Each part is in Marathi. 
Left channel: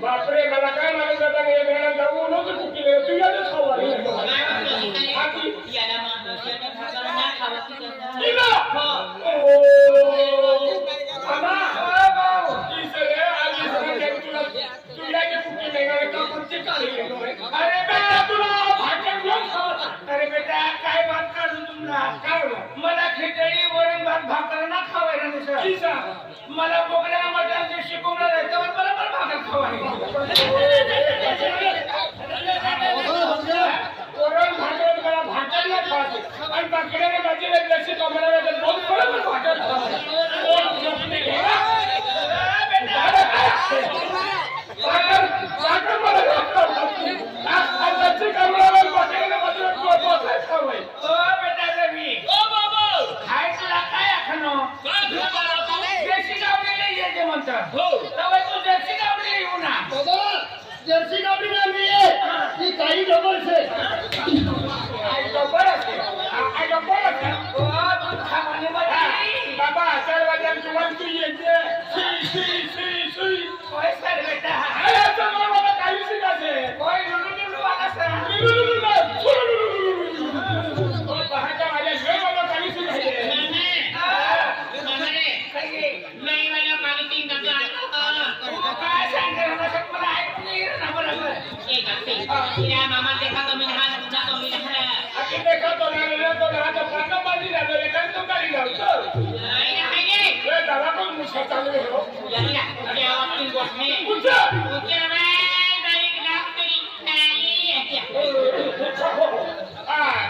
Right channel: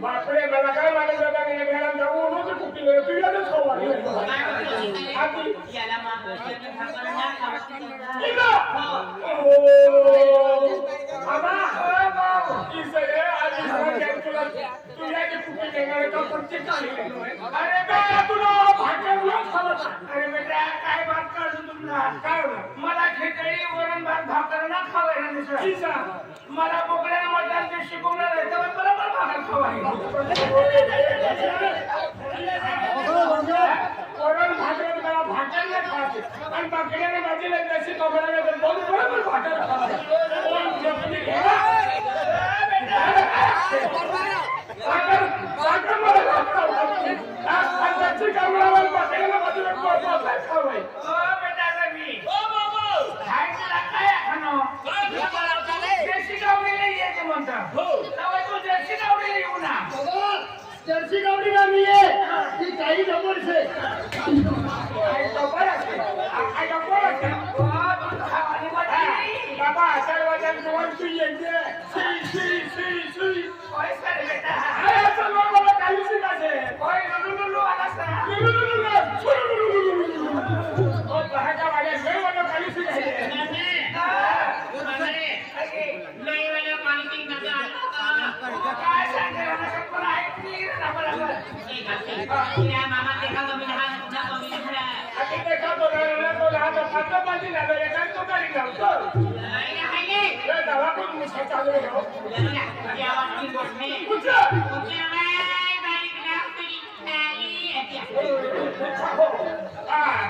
बापरे मला काय माहित होतं नाही घरात जाऊ नव्हतं कुठे तू यादच खाऊ आली याला मागवल्याने भाकर ना खावती जाता आमा की सरे आज सगळ्या तुला तू या की कुठे निघाला का कोणते काय अरे बेटा तुला भाकर लोक खावता अरे बेटा काय बात काढू तुमला काय मला खिचडी वरण भात भाकर ना खावायला दिसत किसा मला बोकड्या मटण ते शिकवलं त्यावर मला भाकर खावायला वरण भाकर मला भाकर नाही खायची आणि भाकरीने भाजीला जशी कमराला दोन बरोबर भाकर खायची भाकर मला भाकर खायची आणि जशी कमराला भाकरीला भाजीला दोन खावायची ओ बेटा रवी ओ बाबू काय तुला काय खाणं देशी गावडीला यायचे म्हणतात हो तवय तू देशी गावडीला येऊ ना जर्सी गावडी ना मी ती काही डबल छे आई डबल आहे आई डबल आहे ओ खावाने बाई बाबा असल वजन जेवण तू येते सी ओय सर बेटा अरे तर मला काही शिकायचे ओय लुलुलु आला सर लुलुलु ओ पहाटा वाले गई वाला काही शिकायचे नाही वाला काली नका काय सांगणार ना पण ऐकली ना बरोबर एक असे या मामा देखा कमी लहान तुझा कमी लहान अरे देखा तो राहतो तो फटबाजी झालं एका तो गाडी लावतो नाही नाही रे दादा कोण मुसळ चालू आहे हो या अरे आवाज की गोष्ट आहे उचल बाई बारीक लाव तरी नाही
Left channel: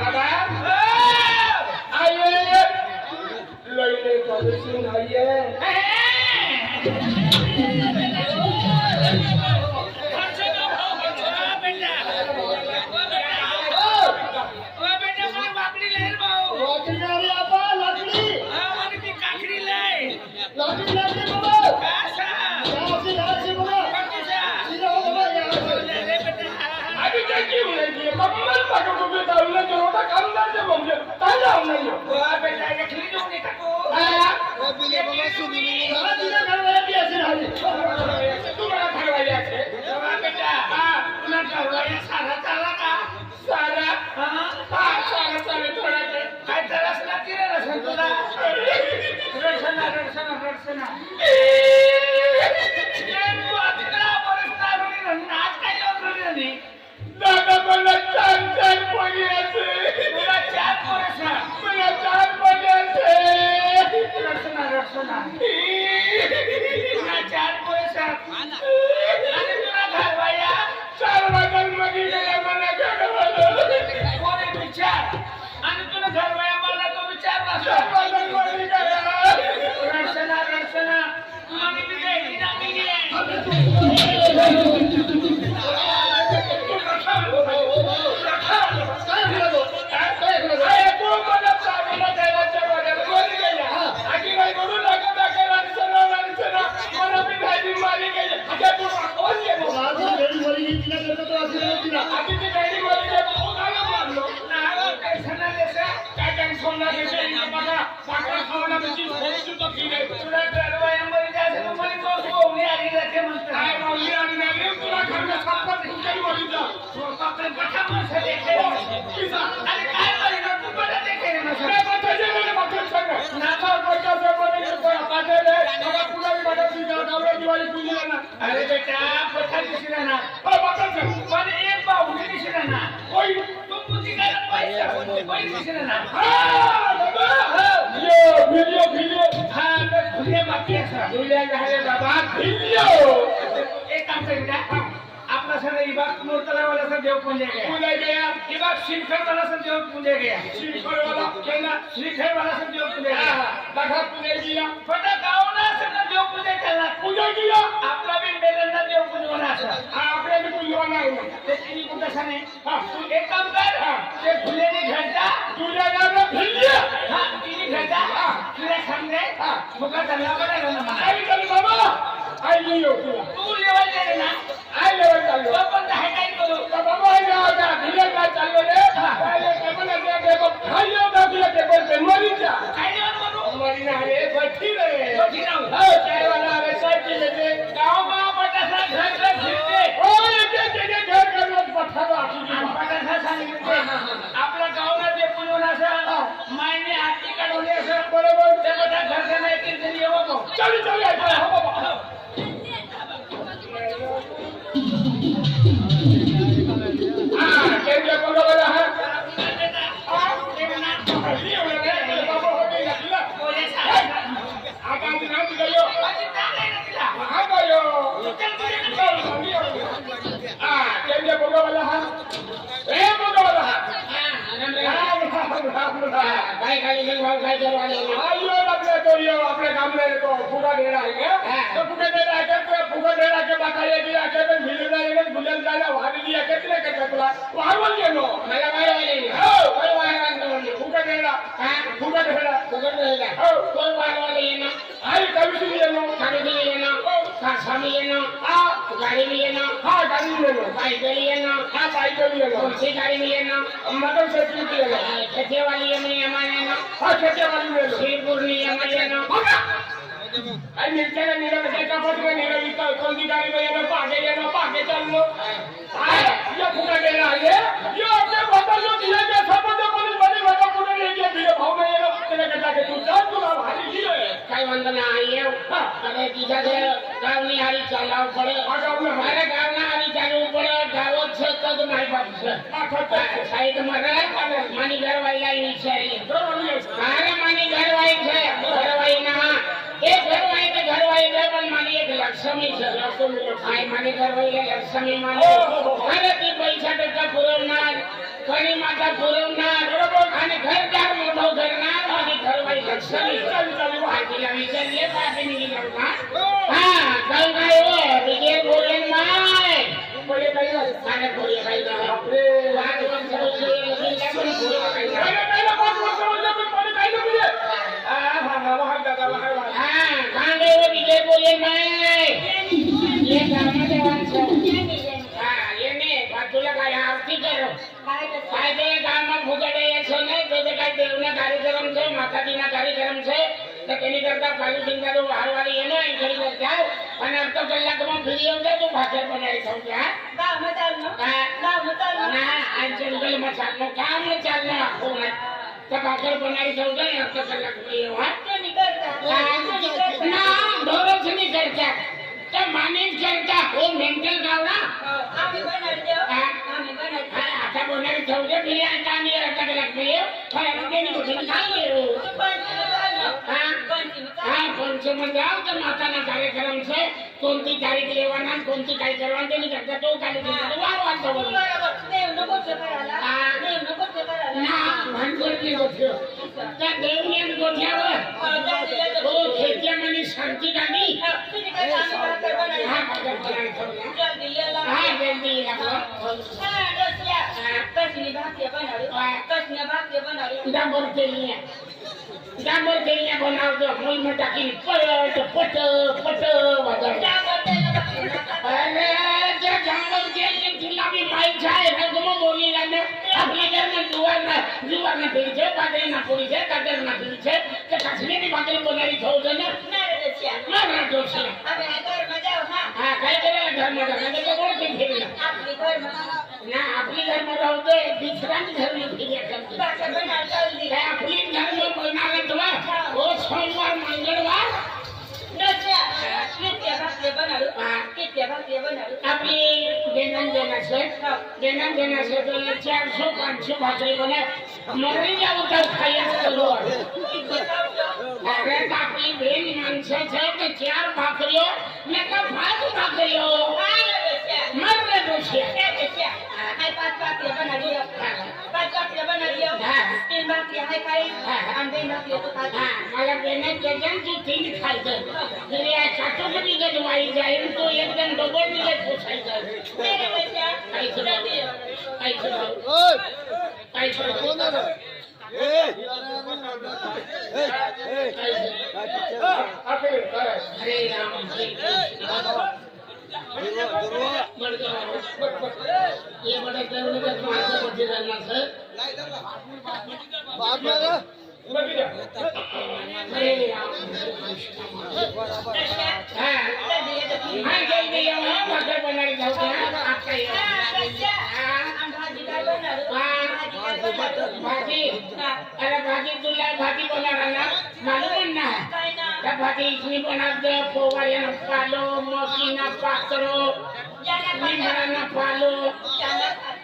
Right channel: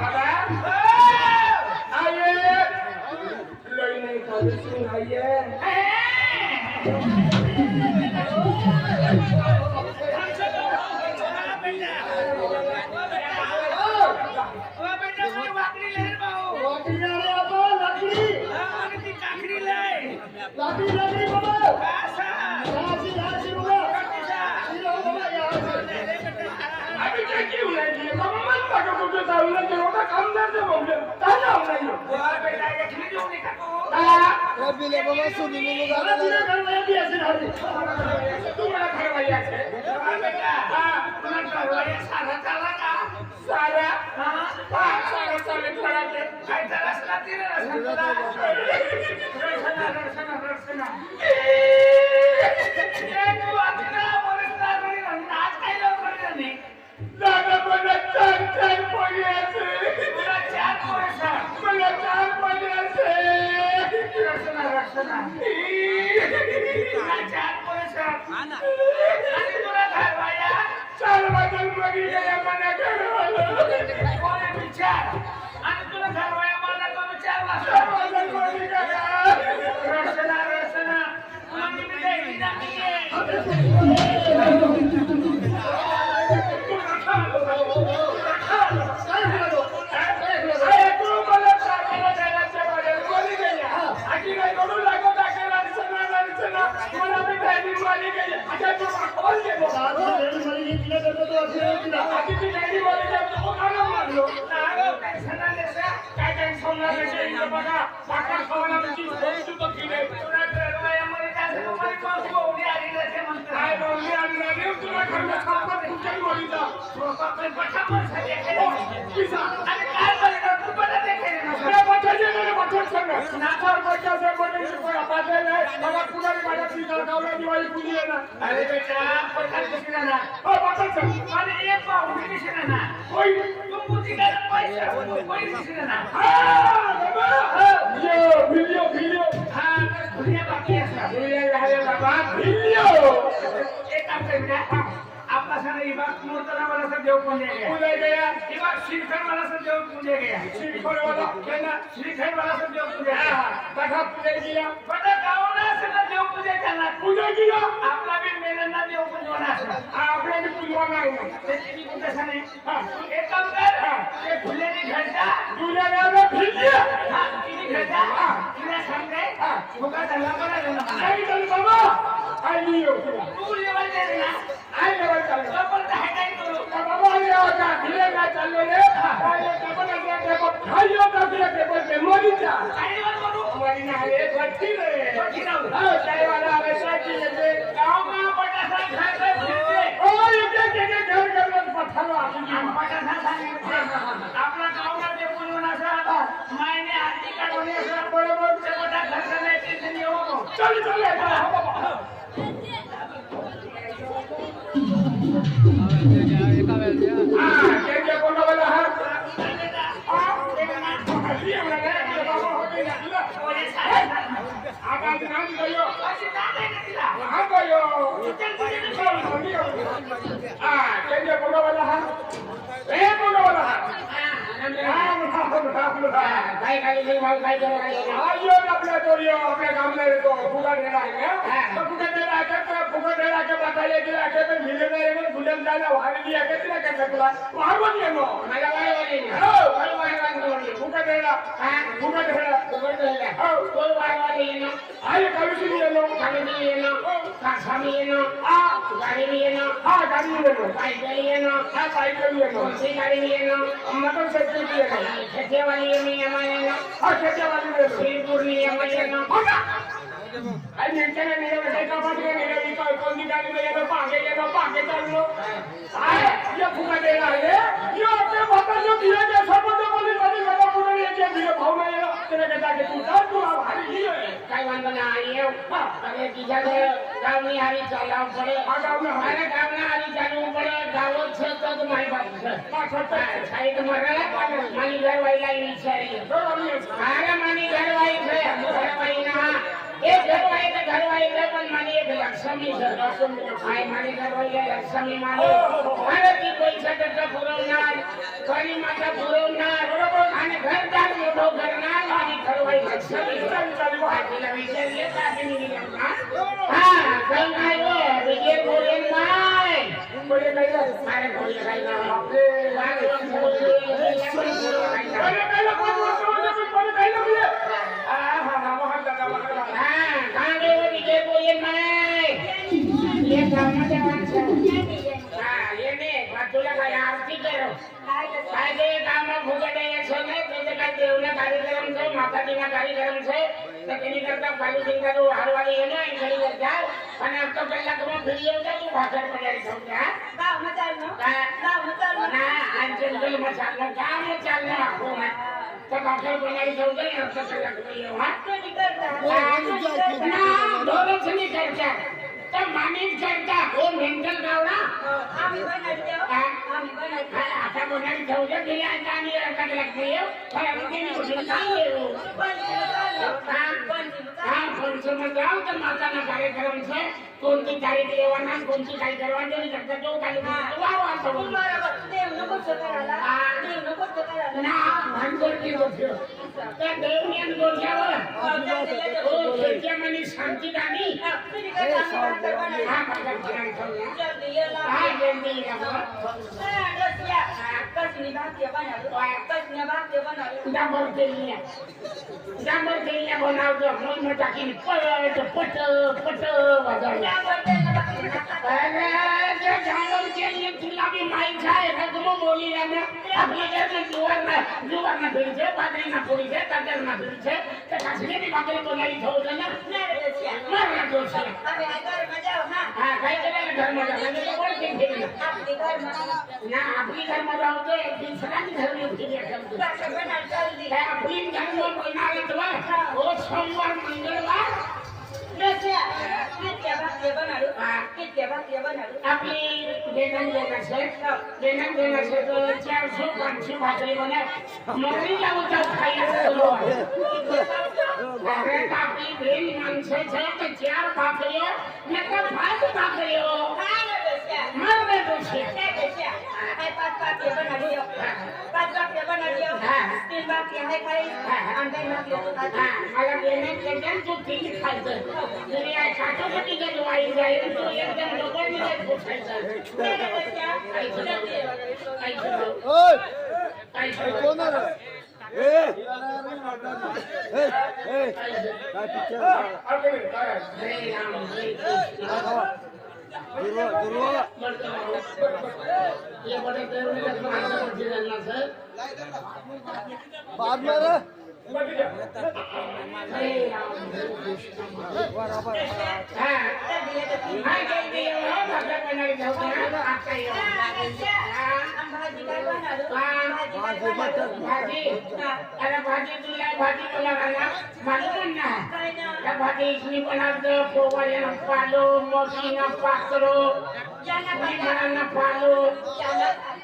दादा आये लई काली सुन आये अरे बेटा पठाण दिसला ना हो बापाचं पण एक पाहुणे दिसला ना होय तू मुली काय पैसा पैसे दिसला ना हा बाबा यो व्हिडिओ हा तर भुल्या बाकी असा व्हिडिओ झाले बाबा व्हिडिओ एक काम करूया आपला सारा इबाग मोरतला वाला सा देव पुंजे गया पुणे गया इबाग श्रीखंड वाला सा देव पुंजे गया श्रीखंड वाला केना श्रीखंड वाला सा देव पुंजे गया दाखा पुणे गेला पटा गावना सा देव पुंजे केला पुणे गेला आपला बी मेलंदा देव पुंजे वाला असा आपल्या मी पुणे नाही त्याची कुठं साने हा एक काम कर ते फुलेने घरचा तुझ्या नावाला व्हिडिओ हा तिने घरचा तिला सांगते फुगा धंदा करायला ना मला काय झालं बाबा आई लियो तुला तू लेवल दे ना आई लेवल चाललो पण काय काय करू बाबा आई लेवल का व्हिडिओ का चाललो रे काय टेबल आहे टेबल खाली होता तुला टेबल पे मरीचा काय लेवल करू मरी ना रे बठी रे बठी राहू हो काय वाला रे साची ले गाव मा पटासा घर घर फिरते ओ इथे घर घर पठावा पटासा सांगितले आपला गावना जे पुजून असं मायने आरती काढून असं बरोबर ते बटा घर नाही ते येऊ नको चल चल हो बाबा केंद्र कोणाला हा आपल्या कामला येतो फुगा देणार फुगा देणार फुगा देणार बाकाया गेला के मिळेल बुलेल जायला वाढली आहे किती काय तुला वाढवून येतो मला वाढवायला हो वाढवायला फुगा देणार फुगा देणार फुगा देणार हो कोण वाढवायला येणं आई कविशी येणं कविशी येणं हो सामी येणं गाडी येणं गाडी येणं पायदळी येणं पायदळी येणं कोणती गाडी येणं मदर सेक्युरिटी येणं खेतेवाली येणं खेतेवाली येणं शेरपूर्णी येणं आई निघताना निघालं एका पटकन निघाली कोणती गाडी येणं पागे चाललो ये फुगा गेला आले ये आपले बदललो दिले के सबंध कोणी बडी बाबा पुढे येते बिले भावना येणं त्याला कटा के तू जाऊ तू भारी गेले काय म्हणतो ना आई अरे तिच्या ते गावनी हारी चालाव पडे अरे गावना हारी चालू पडे गावत से तो माय बाप साइड मरे मनी घर वाला विचारी अरे मनी घर वाई ना एक घर वाई पण मानी एक लक्ष्मी आई मानी घर वाई लक्ष्मी मानी अरे ती पैसा टक्का पुरवणार कणी माता पुरवणार आणि घरदार मोठं करणार आणि घर वाई लक्ष्मी तिला विचारले का आपण निघालो ना काय काय विजय बोलेन नाही बोले नाही अरे बोले काय ना आपले वागवंत बोलले अरे पहिला 5 वर्ष बोलले पण मला काय नाही बोलले कांदे विजय बोले नाही ये गावना देवांचं येणे तुला काय आरती करो काय ते गामना फुगडे यायचं नाही तो काय देवना कार्यक्रम છે માતાજીના કાર્યક્રમ છે તો તેની કરતા પાણી સિંગારો હારવાળી એને અહીં કરતા અને અડધો કલાકમાં ફરી આવજે તું ભાખર બનાવી છો ત્યાં ગામમાં ચાલનો ના આ જંગલમાં ચાલનો કામ ને ચાલનો આખો ના તો ભાખર બનાવી છો ને અડધો કલાકમાં એ હા તો નીકળતા ના ઢોરો છે નહીં કરતા તો માની કરતા એ મેન્ટલ ગાવડા આમી બનાવી દો આમી બનાવી आता बनावी ठेवले बिर्याणी आणि कटकट मिळेल फराळी केली होती काय येऊ पंचम जाऊ तर माताना कार्यक्रम છે कोणती तारीख लेवाना कोणती काय करवा તેની કરતા તો કાલે વારો આવતો દેવનો ગોઠો કરાલા દેવનો ગોઠો કરાલા ના ભાંગોળની ગોઠ્યો તે દેવની ગોઠ્યાવો ઓ ખેતિયામાંની શાંતિ ગાની હા મગર બનાવી છો જલ્દી લેલા હા જલ્દી લાવો હા દોસ્યા કસની ભાગ્ય બનાવી ડાબર તેલિયા બનાવજો મોલમાં ટાકીને પટ વગાડે અરે જે ડાબર તેલિયા ગુલાબી માઈ જાય તો ગમો બોલી રાને આપણા ઘરમાં જુવારના ભીડ છે બાજરીના પૂરી છે કાજરના ભીડ છે કે કાશ્મીરી ભાખરી બનાવી થવું છે ને મારા દોસ્ત અમે આ ઘરમાં જાવ હા કઈ કરે ઘરમાં જાવ એટલે તો કોણ કેમ ફેરી આપણી ઘરમાં ના આપણી ઘરમાં જાવ તો બીજા ઘરની ફેરી કરતી ભાખર બનાવ જલ્દી આપણી ઘરમાં બનાવી તો ઓ સોમવાર મંગળવાર દોસ્યા કેતે ભાખરી બનાવ કેતે आपली देणं देण्याचे 400-500 भाकरी बना मरी जाऊ तर खायला आपली ब्रेन माणसाचं तर 4 भाकरी नका 5 भाकरी हो मर रे दोषी मला देण्यात त्याच्यात तू 3 खायचं तरी या चाटोपटीच्या दिवाळी जाईल तो एकदम डबल दिवस पोसायचा हरे राम हरे ये बड़े देवने का मार्ग मध्य रहना सर हरे राम हाँ जल्दी भाकर बनाई जाऊँ आपका ये भाजी अरे भाजी तुला भाजी बनाना मालूम ना त्या भाजी इथली बनवतो पोवाळ्यानं पालो मोकीनं पाकरो निमरानं पालो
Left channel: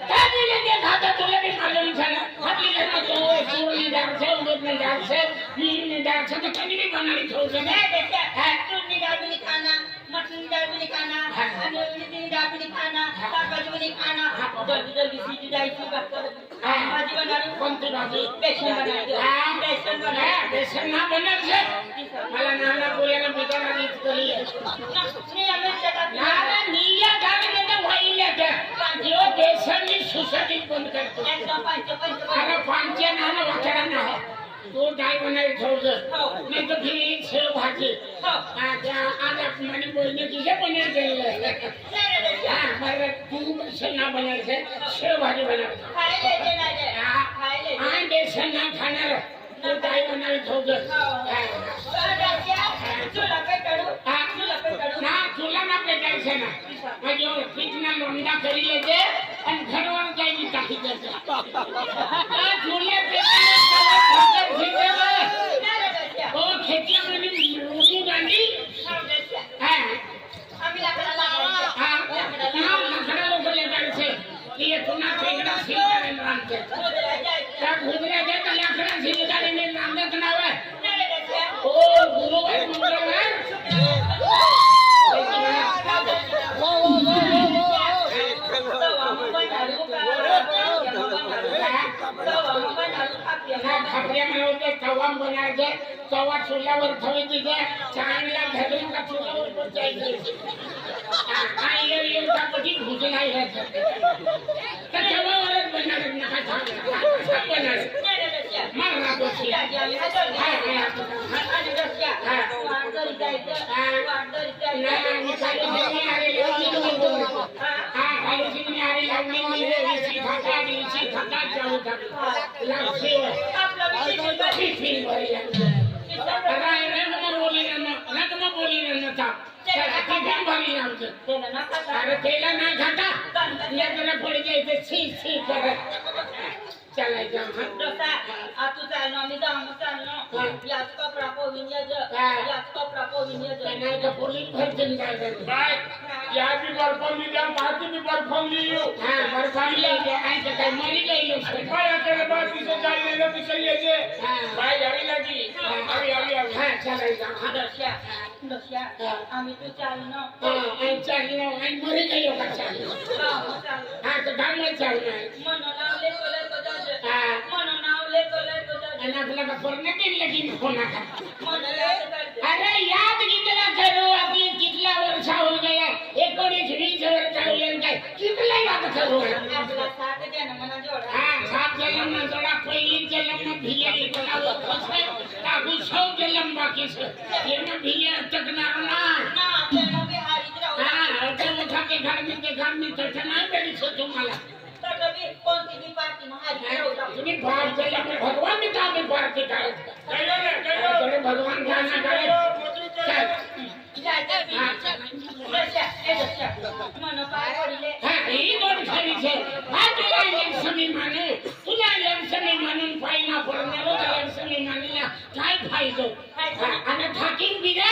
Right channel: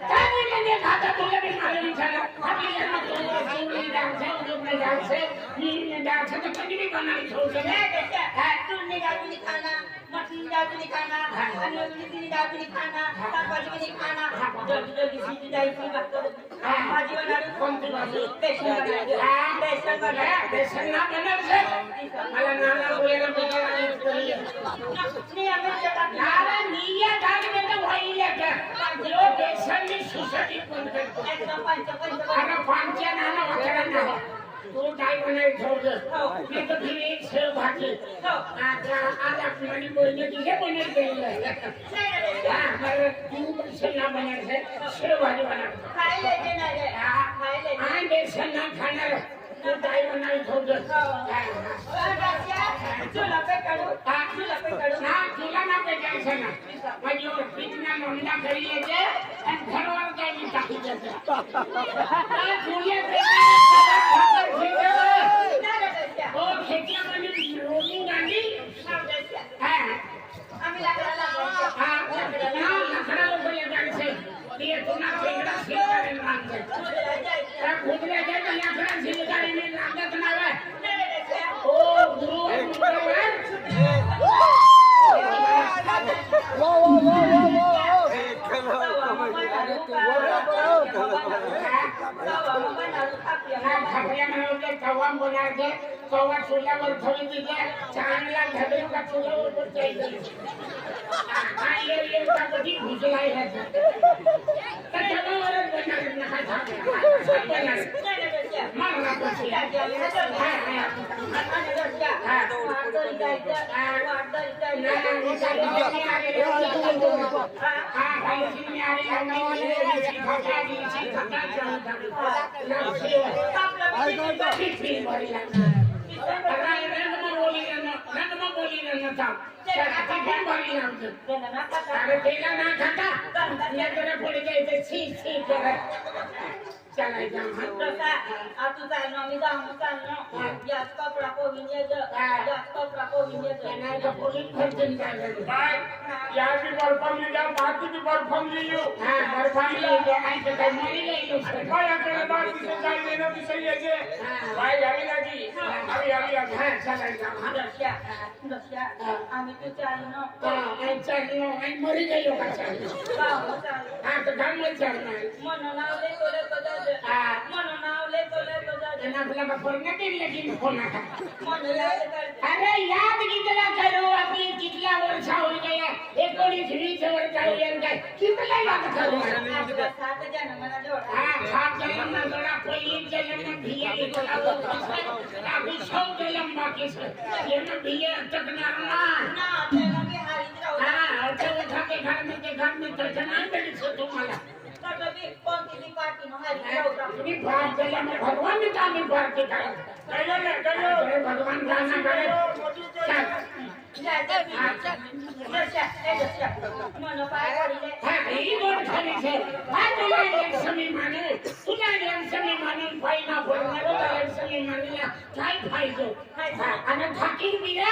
काय बोले ते खाता तुला भी मालूम झाला आपली ना तो चूरनी डाळ से उडने डाळ से नीम डाळ से तो कधी भी बनानी छोड़ से है चूरनी डाळ भी खाना मटन डाळ भी खाना अन्य डाळ भी खाना भाजी भी खाना जल्दी जल्दी सीधी जायची भाजी बनावी कोणती भाजी बेसन ना बनवलं मला नाना बोलायला बेकार आणि पोळी नाना निया गाडीमध्ये व्हायला त्या जो बेसननी सुसटीत बंद करतो अरे पांच्या नाना वाकडा ना तो डाळ बनायला ठेवलं नाही तर फिर शेव भाजी आज आपण म्हणजे बोलणे तिथे पनीर केलेलं हा बरं तू बेसन ना बनायचं शेव भाजी बनायचं आणि बेसन ना खाणार काय बनायला ठेवलं तुला ना पेटायचं ना म्हणजे पीठना लोंढा करी येते आणि घरवर जायची टाकी देते तुला हो खेटल्यामध्ये रोजी गांधी लाकडा लोक लागायचे ये पुन्हा फेकडा शिलगाडीने रांगते त्या घुगऱ्याच्या लाकडा शिलगाडीने रांगत नाव आहे हो गुरुवार मंगळवार तवा बनायचे तवा चुल्यावर ठेवी तिथे चांगला घालून का चुल्यावर पण जायचं कधी भुजला तवावरच बनणार तेला ना घाटा यातना पड़ी जाए छी छी चला तू चाललो मी चाललो याच कपडा पोविन नाही तर पोलीस भरतील काय या भी परफॉर्म ली जा माती भी परफॉर्म ली यू हां परफॉर्म ली आहे तर काय मरी गई काय अकेले बात से चाल लेने भी सही है जे भाई यारी लगी अभी हां चला जा दर्शा आम्ही तू चाललो चाललो आणि मरी गई का चाललो हां तर काम मत चाललो मन नावले बोलत होता मन नावले बोलत होता आणि आपल्याला पडणे की लगीन होना मन अरे याद कितना करो अपने कितना वर्ष हो गया 19-20 वर्ष हो गए काय कितना याद करो आपला 7 जन्माला जोडा हां 7 जन्म ना जोडा पहिली जन्म में भिया की बोला तो अभी 100 जन्म बाकी से ये ना भिया तकनार ना त्याला बिहारी राहू हां तो उठा के घर में तकना बेड़ी से तुम्हाला सगळी कोणती भी पार्टी महारी राहू तुम्ही बाप जन्म में भगवान ने काम में पार्टी करत कहियो भगवान ध्यान करे मन पाय पडले हां ही गोड खाली छे हां तुला एक समी माने तुला एक समी मानून फायदा पडणार तुला एक समी मानला काय फायदो आणि थाकीन बिरा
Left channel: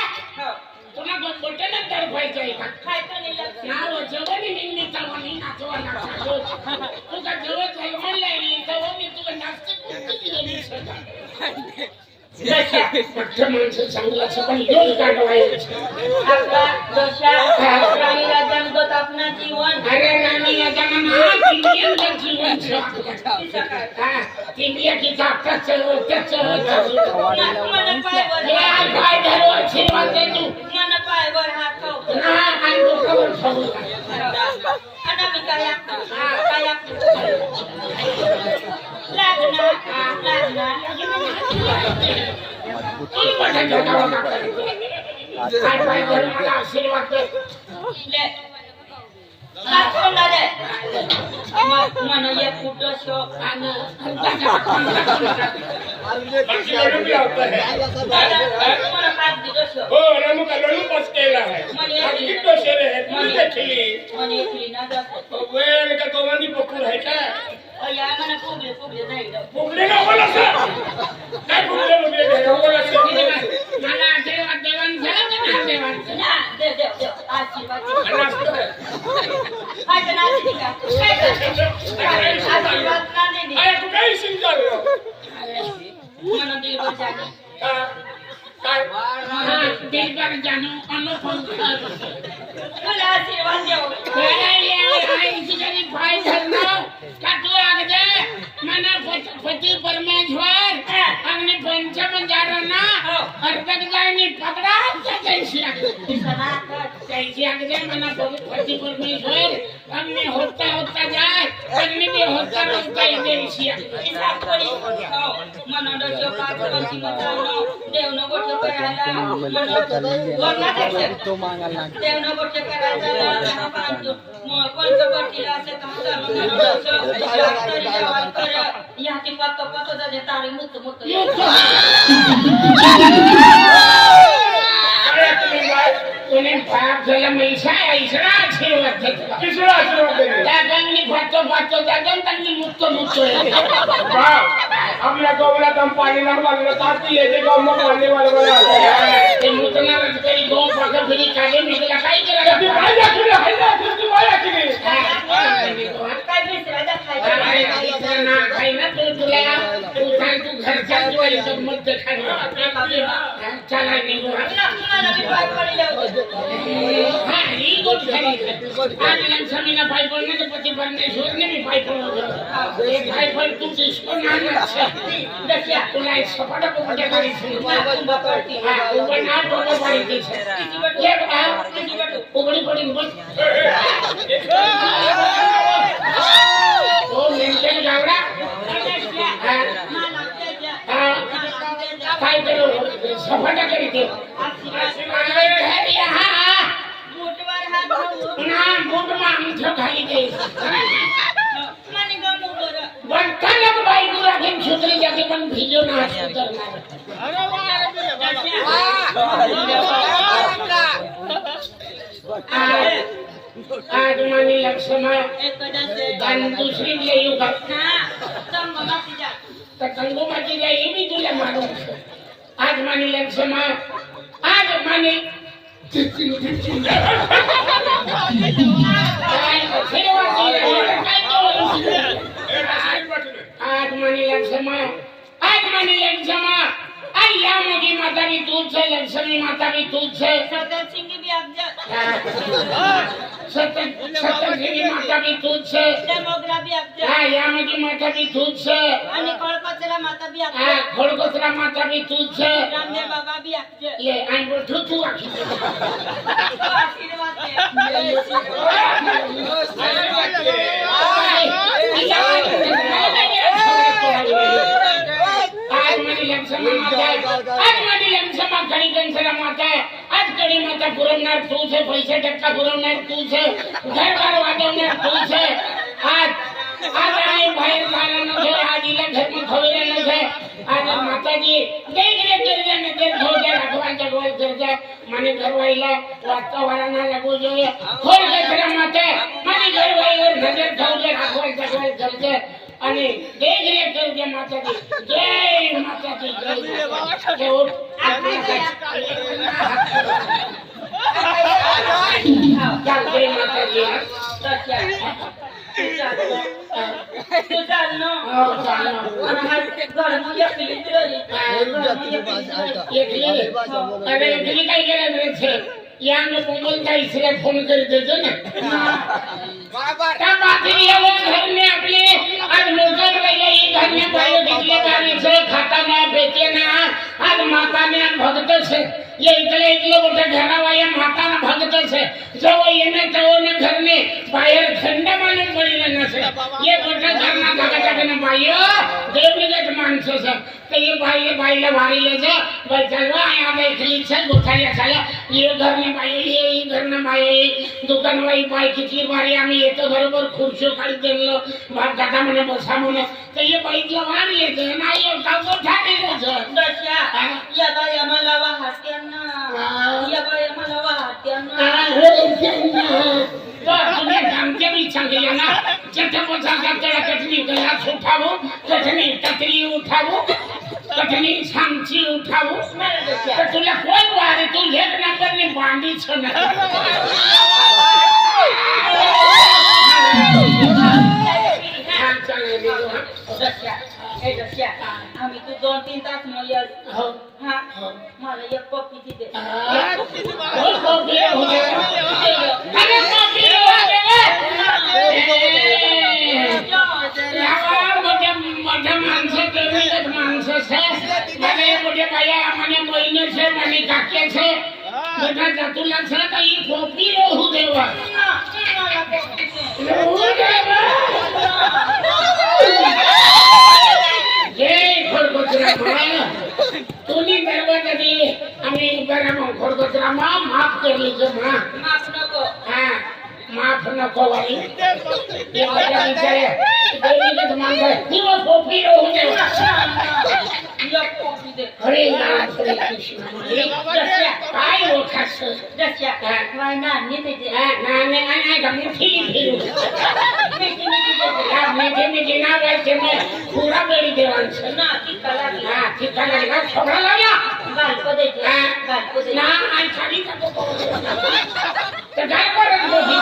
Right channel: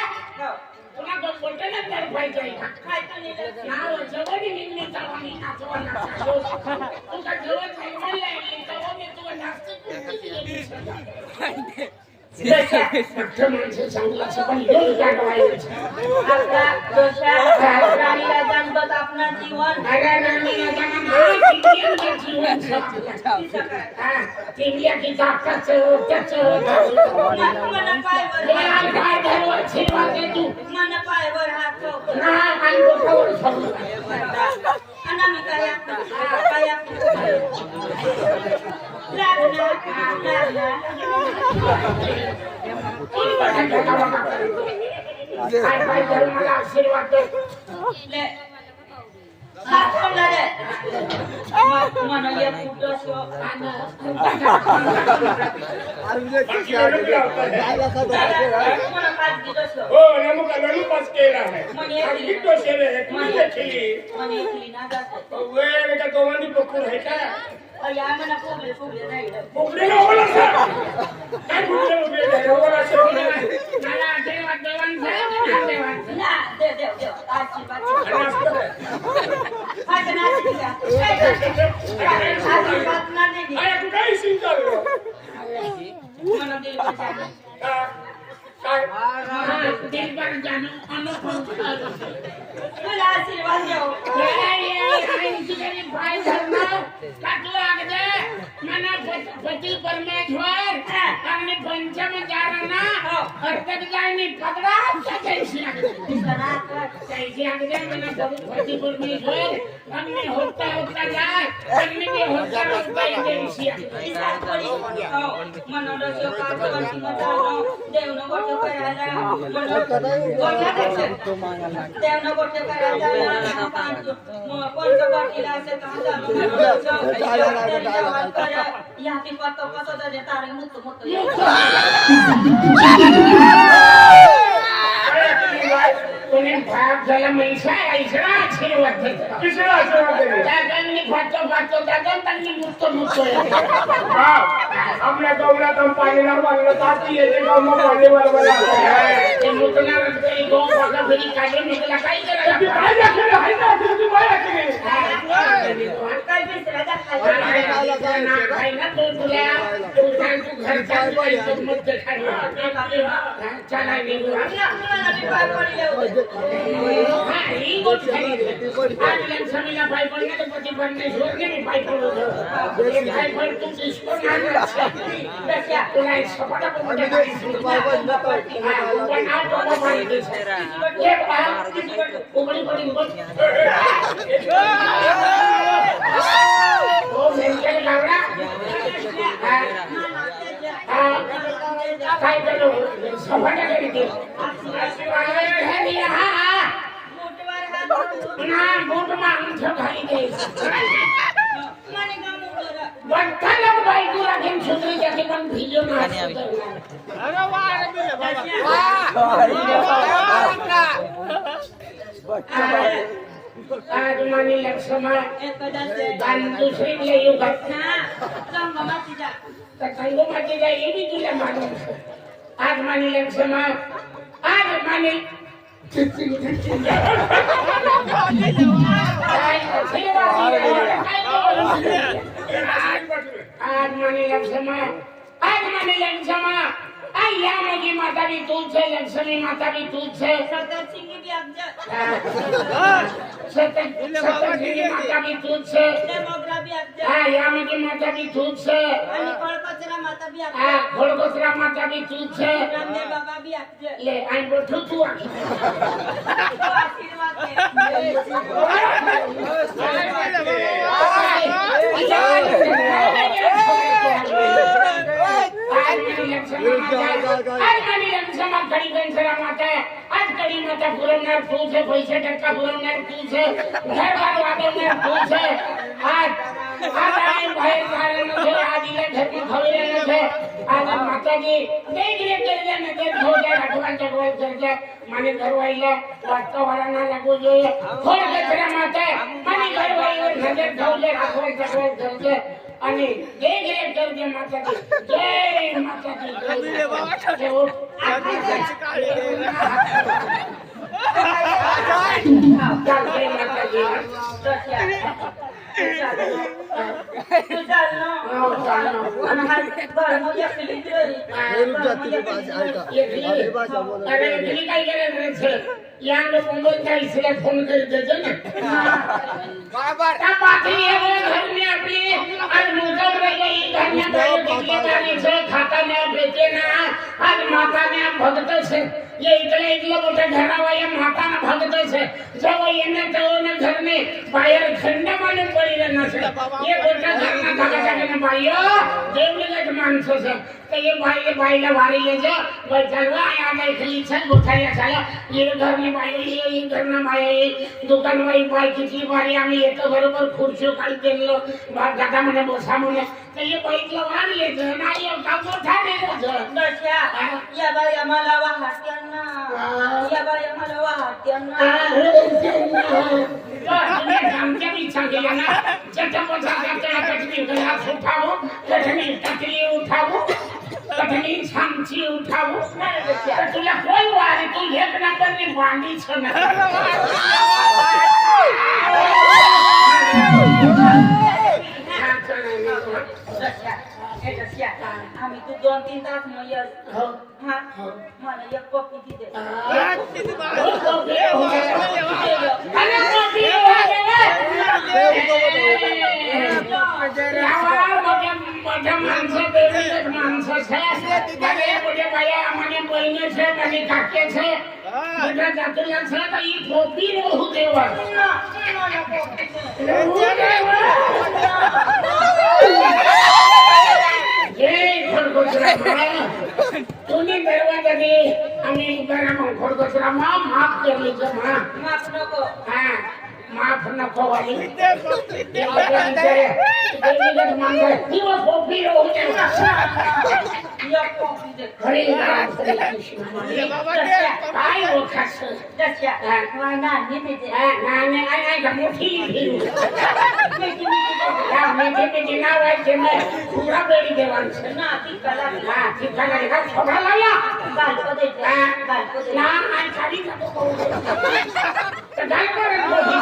तुला बोलताना तर पाहिजे का काय कणी लक्ष्मी नाव जवळ निघली तवानी नाचवा नाचालो तुझा जवळ जन्माला लागली तवानी तू नाचते कुठे माणसं चांगला पण योज काढवायचं आता जशा राणीला जन्मत आपला जीवन अरे नानी आता जीवन इंडिया की ताकद मन पायवर काय धरू आशीर्वाद दे तू मन पायवर हात ठेव ना आणि डोक्यावर ठेवू आणि मी काय काय काय धरू मला आशीर्वाद दे मन एक कुठं शो बाकी लड्डू लावता है मन हात दिलं शो हो लड्डू का लड्डू बस केला है आणि किती शेरे है तू देखली मन एकली ना जात वेळ का तो वनी पकूर है का या मन फुगले नाही फुगले ना होला सर काय फुगले नाही होला सर मला आशीर्वाद देवान झाला का ना देवान ना दे आशीर्वाद मला असतं हाय का ना दे का काय आशीर्वाद ना दे अरे तू काय सिंग झालं मन दिल जाने काय दिल पर जानो अनुभव मला आशीर्वाद देव पाय धरना काटू लागते मना पती परमेश्वर अग्नि पंचम जारना अर्धक जायनी पकड़ा कैसी आगते मना पति परमेश्वर अग्नि होता होता जाए अग्नि भी होता रहता कैसी मन डोसो पाच वर्षी मतानो देवनो गोठ करायला देवनो गोठ करायला पंचवटीला असे काम याची पातो जाते तारी मुक्त तूने भाग जला मैसा ऐसा आशीर्वाद देता किसरा आशीर्वाद दे दादांनी फाटो दादा त्यांनी मुक्त आपल्या गवला तम पाणी नरवाला ताती येते गवला पाणी नरवाला ते मुतना तरी दो पाका फिरी काढे निघला काय करायला ती काय दाखवलं आहे ना ती वाया केली काय बिसरायचा खायचा ना खाई ना तू घरच्या ज्वारीचं मत खाली चला निघू मला बी पाय पडले हा ही गोष्ट खरी आज लक्ष्मीला पाय पडलं तर पती परमेश्वरने मी पाय पडलं हे पाय पड तू ईश्वर नाही तुला एक सपाटा पोपटे करायची पण ना टोको पाहिजे उघडी पडीन बस हो मेंटेन लागला काय करू सपाटा करीते मोठवर हात घालून ना बोट मागून खाली दे माने गा मोठवर बंटाला बायको लागेल सुधरी जाते पण भिजो ना आज मानी लक्ष्मा आणि दुसरी येऊ घटना तर संगोमाची जाई मी तुला मानून आज मानी लक्ष्मा आज मानी आज मानी लक्ष्मा आई या मेरी माता भी तूच है लक्ष्मी माता भी तूच है सतर सिंगी भी अब्जा सतर सिंगी माता भी तूच है मोगरा भी अब्जा हाँ या मेरी माता भी तूच है आणि कोळकचरा माता भी अब्जा हाँ खोड़कोतरा माता भी तूच है रामदेव बाबा भी अब्जा ले आई बोठू तू आखी तो आशीर्वाद दे आज कडी माता पुरवणार तूच आहे पैसे टक्का पुरवणार तूच आहे घरबार वाजवणार तूच आहे आज आणि बाहेर जाणार नसे आज इला घरमध्ये खवयला नसे आज माताजी देखरेख करते नजर ठेवते राघवांच्या गोळ करते माने घरवाईला वातावरणाला लागू જોઈએ खोड कचरा माता माने घरवाईवर नजर ठेवते राघवांच्या गोळ करते आणि देखरेख करते माताजी जय माताजी जय चालते माताजी तू चाल ना हो चालणं आणि हा घरमुळे एकली दिली एकली अरे एकली काय केलं रे छे यांग मुंबईचा इसला फोन कर देतो ना त्या बाकी ये घर में अपने आज मुकर रही ये घर में भाई बिजली का से खाता ना बेचे ना आज माता ने भगत से ये इतले मोठे घरावाया माता ना भगत से जब ये ने तो ने घर में बाहेर खंड माने पडले ना से ये मोठा घर ना धगटा के बायो देवलीगत माणसं से तो ये बाईला भारी ले जे भाई चलवा आ गई खलीच से उठाया चला ये घर में बायो ये घर ना बायो दुकान वाई बाई किती बारी आम्ही येतो बरोबर खुर्ची काढी देलो बाप दादा म्हणे बसा म्हणे तर ये बाईला वाढ येते नाही एवढा मोठा नाही दशा या बाई आम्हाला वाहत्यांना या बाई आम्हाला वाहत्यांना तुम्ही आमच्या बी सांगितल्या ना चटपटा त्याला चटणी गलास उठावो चटणी टकरी उठावो चटणी सांची उठावो तर तुला कोण वारे तू घेत ना करणे बांधीच ना आम्ही तू 2-3 तास मग हो हा मला एक कॉफी दे अरे कॉफी मोठ्या माणसं देवीगत माणसं છે મને મોટે ભાઈ મને બહેને છે મને કાકે છે મોટા જાતુલા છે તો ઈ કોપી રહું દેવા જય ખરગોચરામાં તુની દરવાજા દે અમે ઉભારામાં ખરગોચરામાં માફ કરી લેજો માં माफ नको હા माफ नको वाली ये माझ्या विचारे देवीगत माणसं दिवस कोपी रहू देवा एक कॉफी दे हरे राम हरे कृष्ण काय ओळखास दशा नानी दे नाने आणि मोठी फिरू मीठी मीठी या मेचे नाव आहे ते पुरा बेडी देवांचं ना ती कला हा तिथं लागला छोडा लावला गालपो दे गालपो दे ना आणि खाली जातो तर काय करत मोठी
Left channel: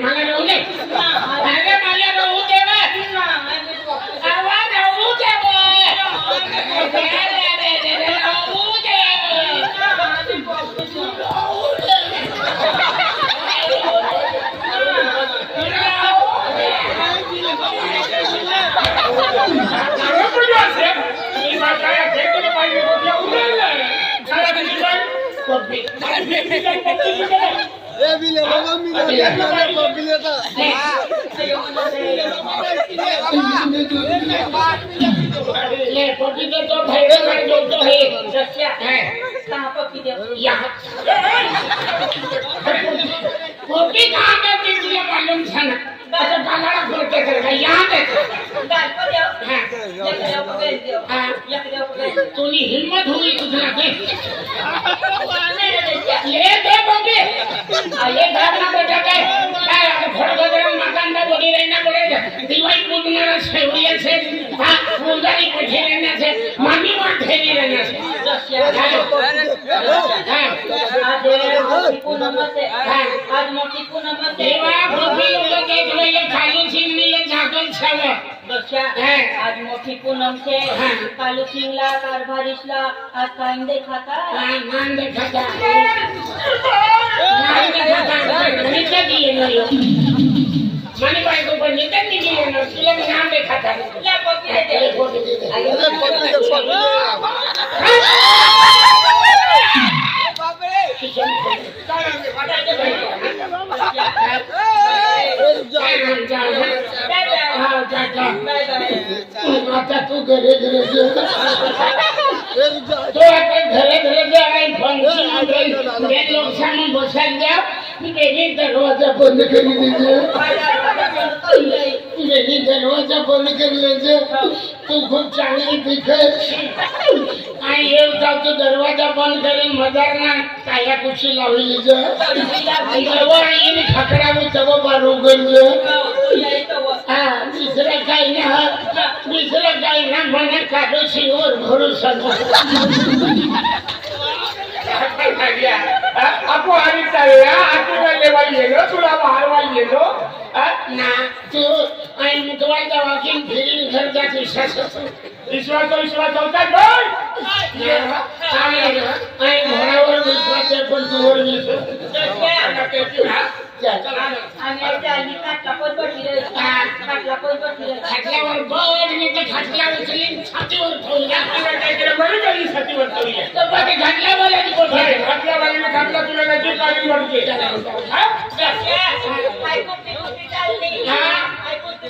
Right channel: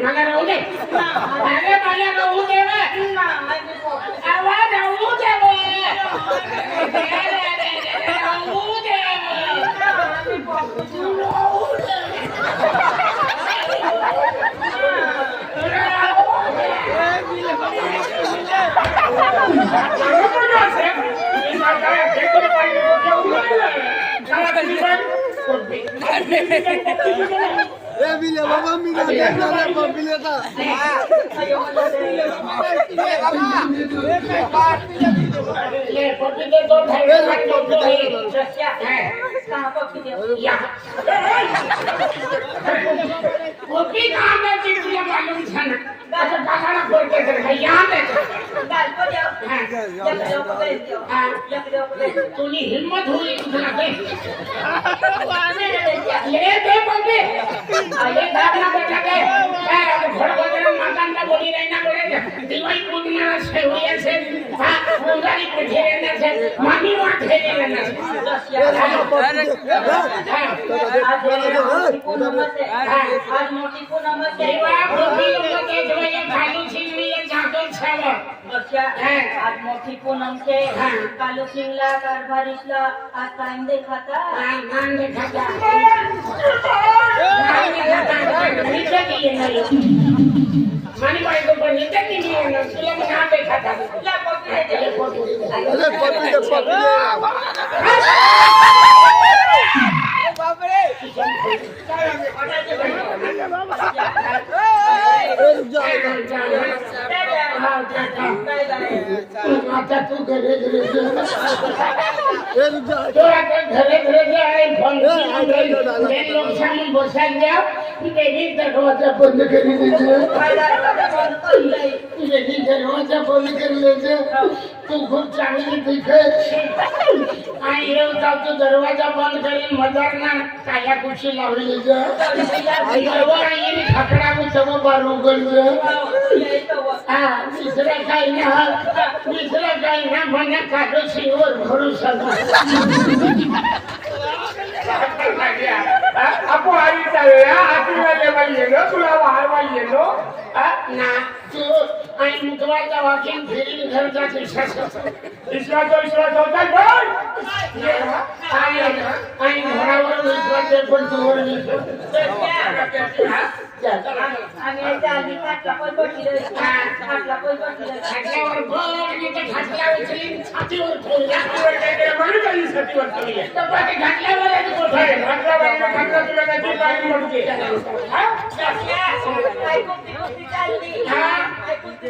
मला राहू दे मला राहू दे आवाज राहू दे तुनी हिम्मत हुई तुझला ले दे बंबे आले दाना बेटा के घोड़गोदरन मातांडा बोली रहना पड़ेगा दिवाई पूजना सेवरिया से हां पूजारी बैठे रहना से मामी वहां ठहरे रहना से आज मोठी पूनम से देवा पृथ्वी ऊपर देख लो ये काली सिंह ने ये झाकल छावे दशा आज मोठी पूनम से कालू सिंगला कारभारीशला आज टाइम देखाता नाम देखा जा नाम देखा नीचे दिए नहीं मानी भाई को पर नीचे नहीं दिए ना इसलिए नाम देखा था ला पकड़े दे आता तू घरे घरे तो आता घरे घरे आई फंक्शन में लोग सामने बसाल जाओ मेरी दरवाजा बंद कर दीजिए मेरी दरवाजा बंद कर लीजिए तू खूप चांगली दिखत आई येऊ जातो दरवाजा बंद करेन मजार ना काया कुशी लावली येणे खकडा मी सगळं बारू गंज दुसरं काही ना दुसरं काही ना म्हणा काढो शिवर भरू आपू आधी चालू आतूला लेवायला गेलो तुला वाहरवायला गेलो ना तू आई मुतवाचा वाकिंग फिरीन घर जात विश्वास विश्वास होता बोल आई घरावर विश्वास आहे पण तुवर विश्वास आम्ही आधी खाटला पण बसले खाटला पण बसले खाटल्यावर बघ मी ते खाटला उचलीन छातीवर ठेवला छातीवर ठेवली तर बाकी घातल्यावर आधी कोठारे खाटला तुला नजीक पाणी म्हणते कुस्ती चालली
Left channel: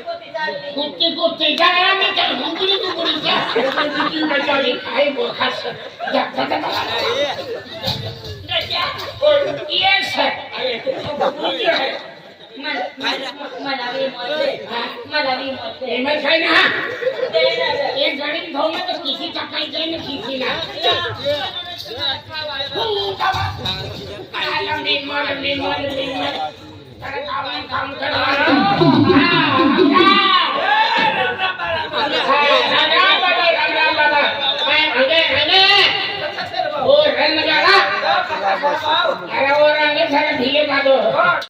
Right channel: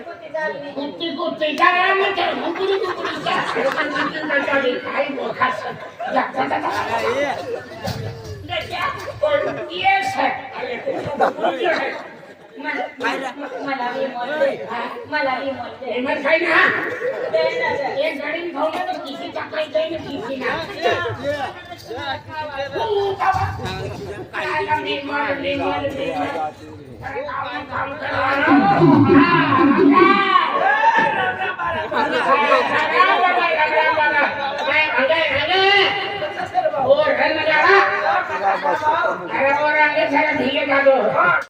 कुस्ती चालली कुस्ती काय मी काय घुंगुरी काय बोखास येस मला विमोचले एमएस आहे ना एक गाडी घेऊन तर किती टाकायचं आहे ना किती ना काम करा